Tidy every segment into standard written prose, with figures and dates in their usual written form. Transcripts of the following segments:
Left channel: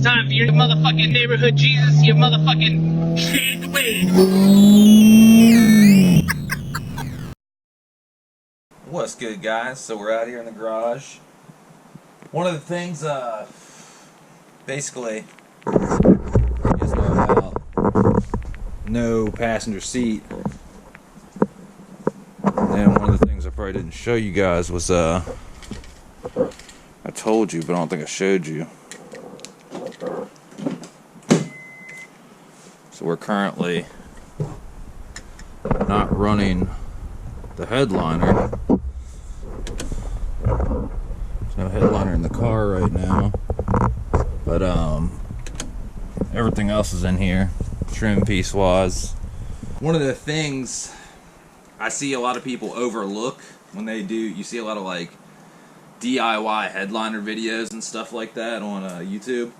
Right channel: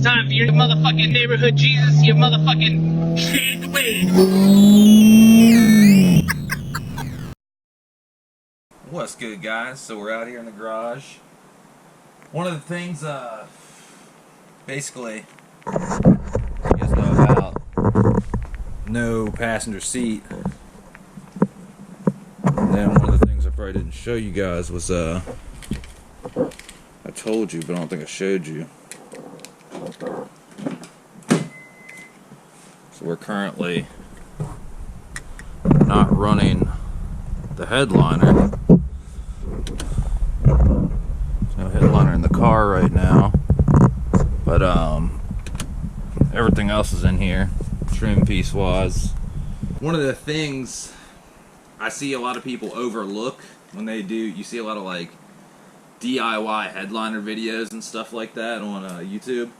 It's time for your motherfucking neighborhood Jesus, your motherfucking Shade Wade. What's good, guys? So we're out here in the garage. One of the things, basically, you guys know about no passenger seat. And then one of the things I probably didn't show you guys was, I told you, but I don't think I showed you. So we're currently not running the headliner. There's no headliner in the car right now, but everything else is in here, trim piece wise. One of the things I see a lot of people overlook when they do, you see a lot of like DIY headliner videos and stuff like that on YouTube.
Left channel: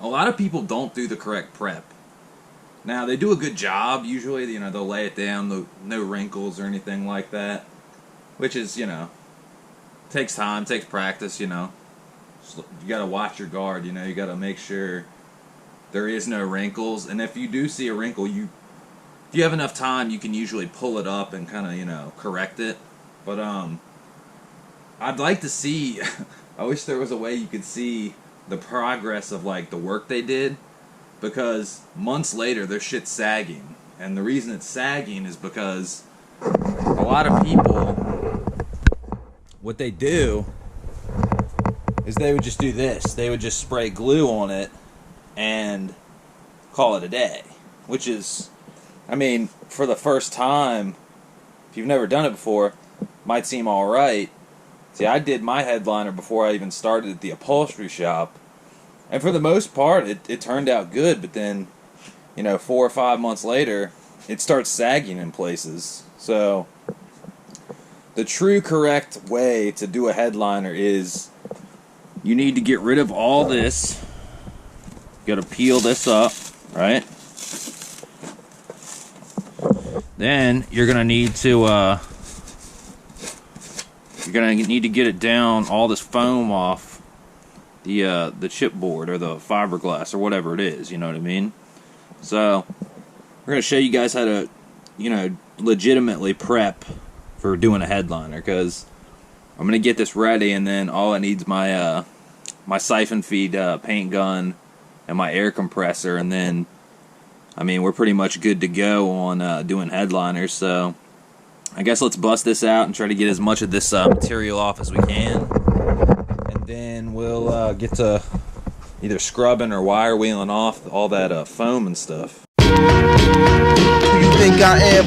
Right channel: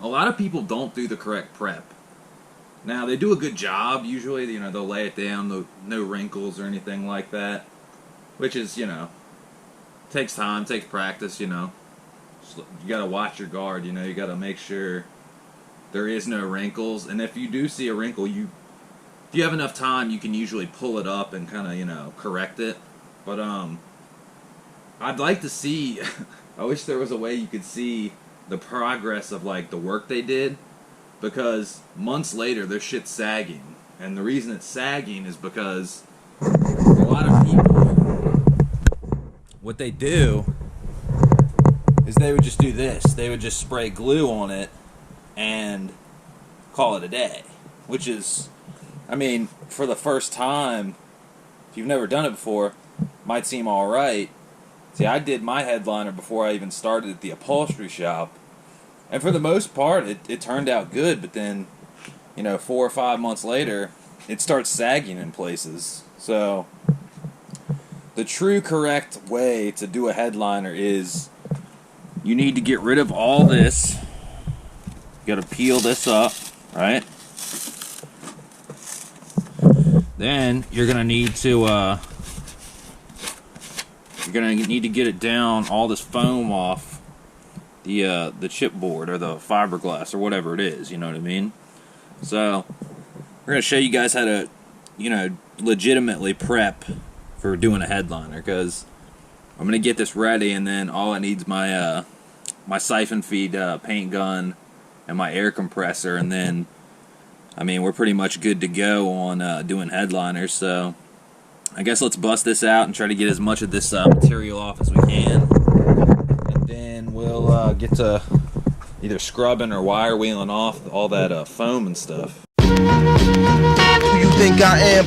A lot of people don't do the correct prep. Now, they do a good job, usually, you know, they'll lay it down, no wrinkles or anything like that, which is, you know, takes time, takes practice, you know. You gotta watch your guard, you know, you gotta make sure there is no wrinkles, and if you do see a wrinkle, if you have enough time, you can usually pull it up and kind of, you know, correct it. But, I'd like to see, I wish there was a way you could see the progress of, like, the work they did. Because months later, their shit's sagging. And the reason it's sagging is because a lot of people, what they do is they would just do this. They would just spray glue on it and call it a day. Which is, I mean, for the first time, if you've never done it before, might seem alright. See, I did my headliner before I even started at the upholstery shop. And for the most part, it turned out good, but then, you know, 4 or 5 months later, it starts sagging in places. So, the true correct way to do a headliner is you need to get rid of all this. You gotta peel this up, right? Then, you're gonna need to, get it down, all this foam off the chipboard or the fiberglass or whatever it is, you know what I mean? So, we're going to show you guys how to, you know, legitimately prep for doing a headliner, because I'm going to get this ready, and then all I need is my, my siphon feed paint gun and my air compressor, and then, I mean, we're pretty much good to go on doing headliners. So, I guess let's bust this out and try to get as much of this material off as we can. Then we'll get to either scrubbing or wire wheeling off all that foam and stuff. Who you think I am?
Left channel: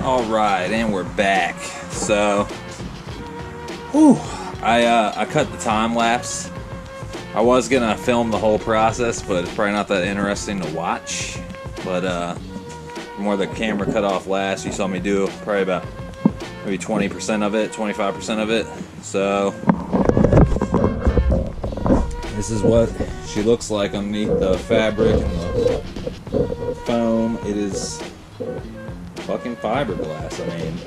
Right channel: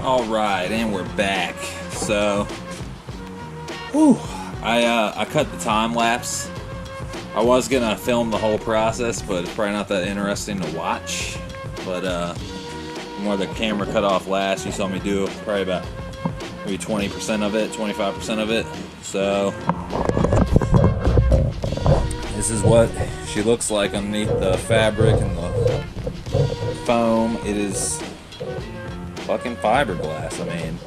Alright, and we're back. So, whew, I cut the time lapse. I was gonna film the whole process, but it's probably not that interesting to watch. But from where the camera cut off last, you saw me do probably about maybe 20% of it, 25% of it. So, this is what she looks like underneath the fabric and the foam. It is fucking fiberglass. I mean,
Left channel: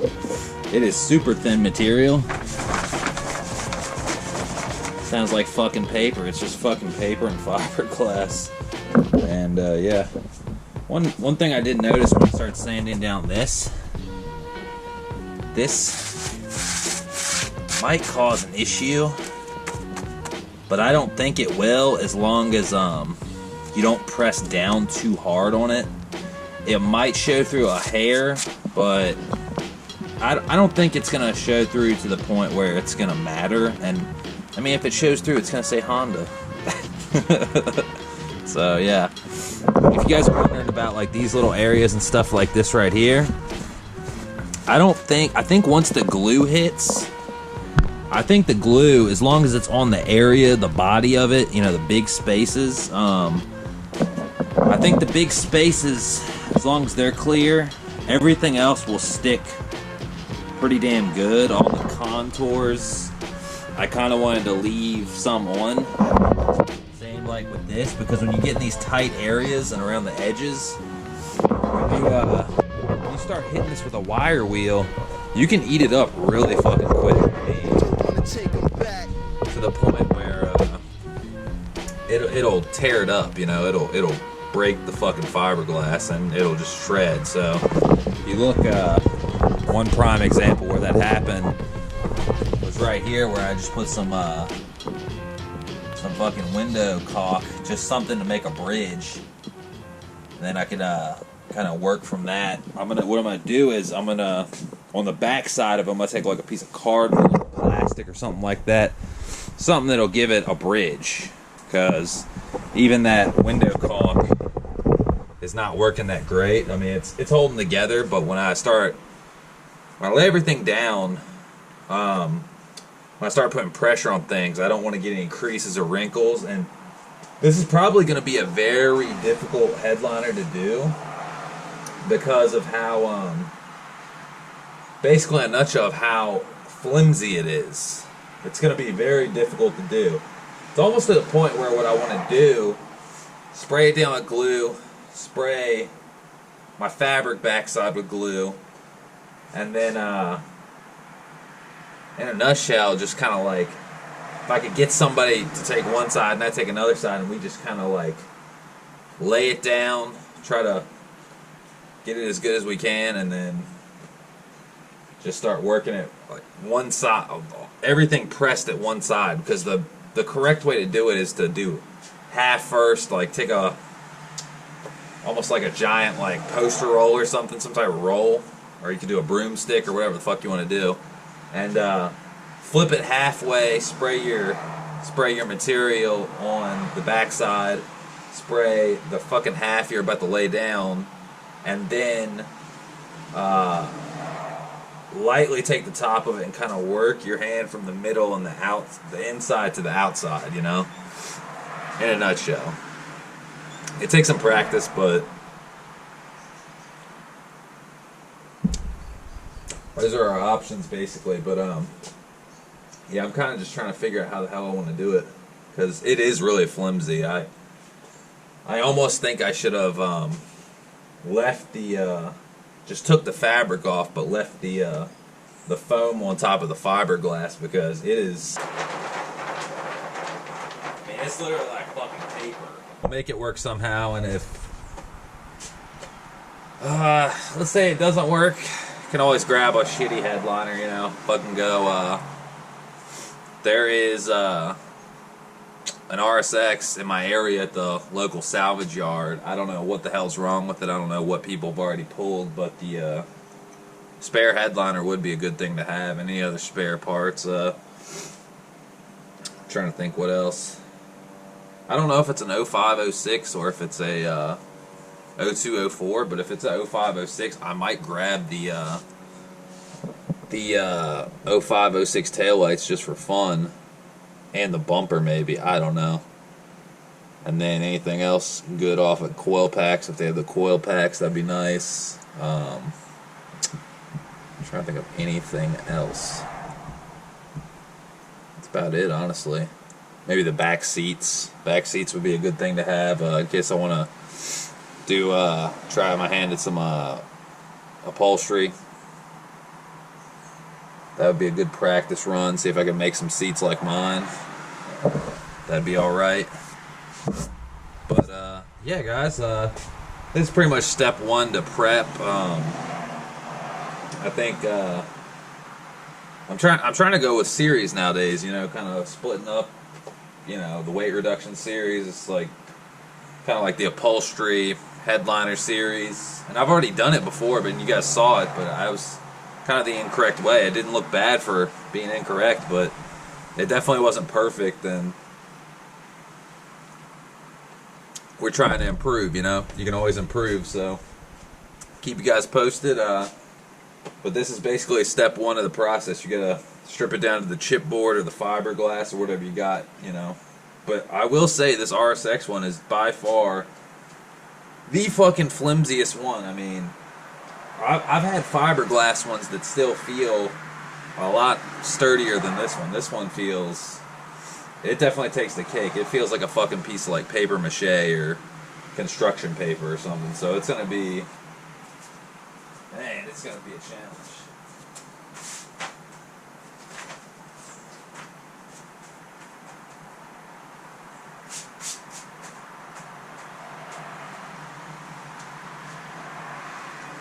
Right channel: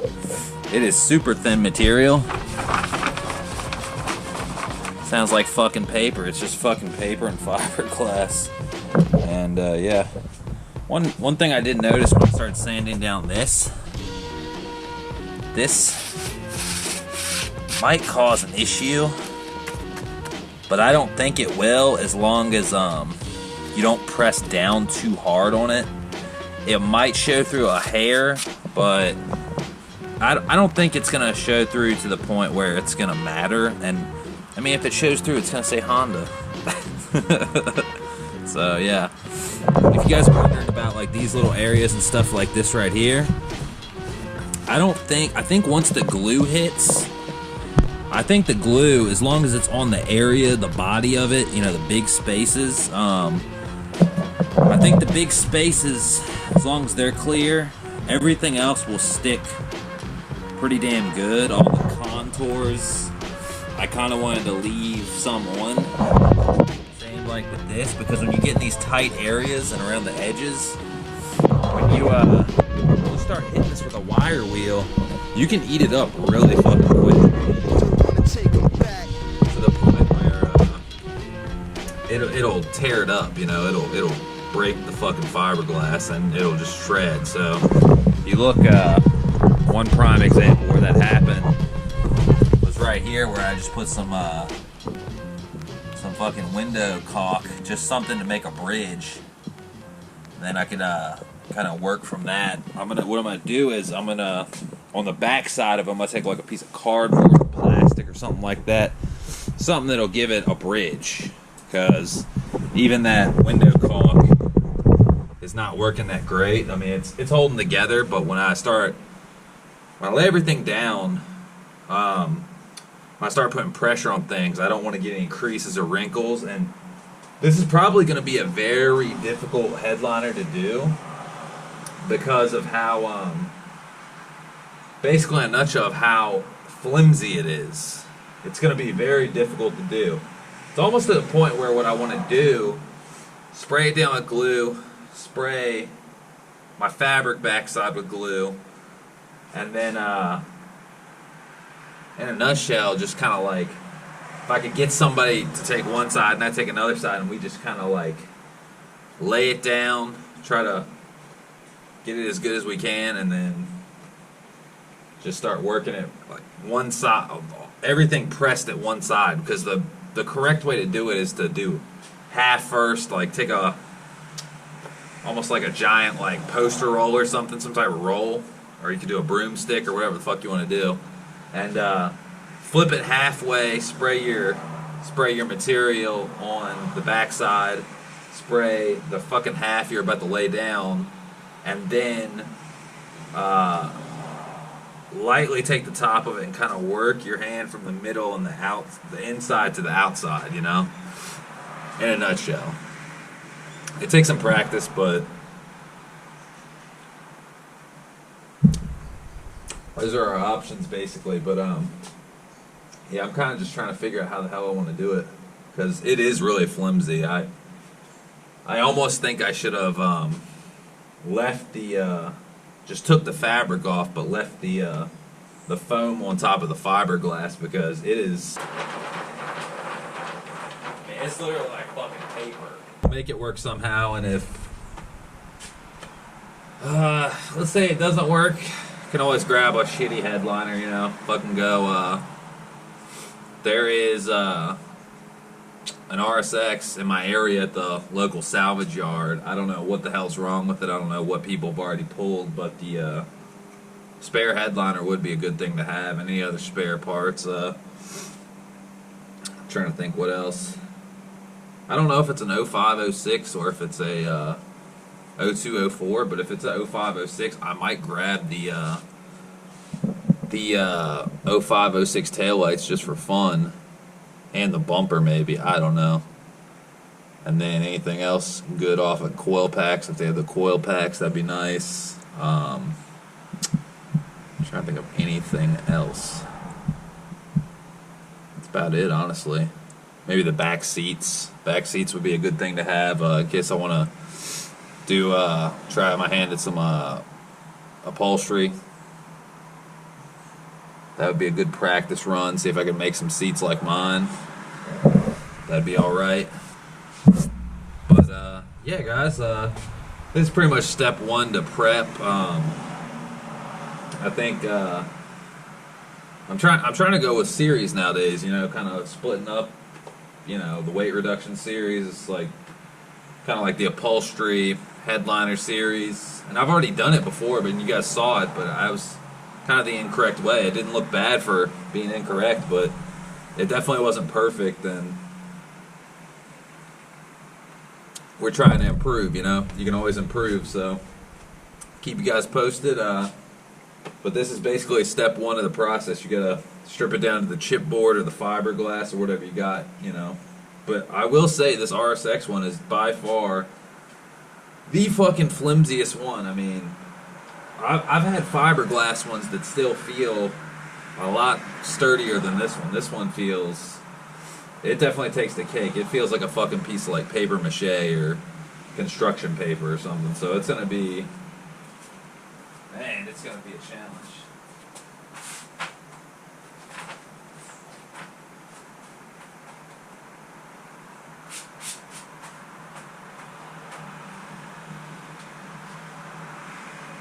it is super thin material. Sounds like fucking paper. It's just fucking paper and fiberglass. And yeah, one thing I did notice when I started sanding down this might cause an issue, but I don't think it will, as long as you don't press down too hard on it. It might show through a hair, but I don't think it's gonna show through to the point where it's gonna matter. And I mean, if it shows through, it's gonna say Honda. So yeah, if you guys are wondering about like these little areas and stuff like this right here, I think once the glue hits, I think the glue, as long as it's on the area, the body of it, you know, the big spaces, I think the big spaces, as long as they're clear, everything else will stick pretty damn good. All the contours, I kind of wanted to leave some on. Same like with this, because when you get in these tight areas and around the edges, when you start hitting this with a wire wheel, you can eat it up really fucking quick. To the point where it'll tear it up, you know, it'll break the fucking fiberglass and it'll just shred. So you look, one prime example where that happened was right here, where I just put some fucking window caulk, just something to make a bridge. And then I could kind of work from that. What I'm gonna do is on the back side of them, I'm gonna take like a piece of cardboard or plastic or something like that, something that'll give it a bridge, because even that window caulk is not working that great. I mean, it's holding together, but when I lay everything down, when I start putting pressure on things, I don't want to get any creases or wrinkles. And this is probably going to be a very difficult headliner to do, because of how, basically in a nutshell, of how flimsy it is. It's going to be very difficult to do. It's almost to the point where what I want to do, spray it down with glue, spray my fabric backside with glue, and then in a nutshell, just kind of like, if I could get somebody to take one side and I take another side, and we just kind of like lay it down, try to get it as good as we can, and then just start working it like one side, everything pressed at one side, because the correct way to do it is to do half first, like take a, almost like a giant like poster roll or something, some type of roll, or you could do a broomstick or whatever the fuck you want to do, and flip it halfway, spray your material on the backside, spray the fucking half you're about to lay down, and then lightly take the top of it and kind of work your hand from the middle and the inside to the outside, you know, in a nutshell. It takes some practice, but those are our options basically. But yeah, I'm kind of just trying to figure out how the hell I want to do it, because it is really flimsy. I almost think I should have left the just took the fabric off, but left the foam on top of the fiberglass, because it is, I mean, it's literally like fucking paper. We'll make it work somehow, and if let's say it doesn't work, you can always grab a shitty headliner, you know, fucking go. There is an RSX in my area at the local salvage yard. I don't know what the hell's wrong with it. I don't know what people have already pulled, but the spare headliner would be a good thing to have. Any other spare parts? I'm trying to think what else. I don't know if it's an 05, 06 or if it's a 02, 04, but if it's a 05, 06, I might grab the 05, 06 taillights just for fun. And the bumper, maybe. I don't know. And then anything else good off of coil packs. If they have the coil packs, that'd be nice. I'm trying to think of anything else. That's about it, honestly. Maybe the back seats. Back seats would be a good thing to have in case I want to do try my hand at some upholstery. That would be a good practice run. See if I can make some seats like mine. That'd be alright. But, yeah, guys. This is pretty much step one to prep. I think I'm I'm trying to go with series nowadays, you know, kind of splitting up, you know, the weight reduction series. It's like kind of like the upholstery headliner series. And I've already done it before, but you guys saw it, but I was kind of the incorrect way. It didn't look bad for being incorrect, but it definitely wasn't perfect, and we're trying to improve, you know? You can always improve, so keep you guys posted. But this is basically step one of the process. You gotta strip it down to the chipboard or the fiberglass or whatever you got, you know. But I will say this RSX one is by far the fucking flimsiest one. I mean, I've had fiberglass ones that still feel a lot sturdier than this one. This one feels... It definitely takes the cake. It feels like a fucking piece of like paper mache or construction paper or something. So it's gonna be... Man, it's gonna be a challenge.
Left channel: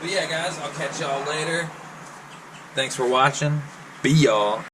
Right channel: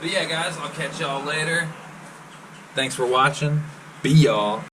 But yeah, guys, I'll catch y'all later. Thanks for watching. Be y'all.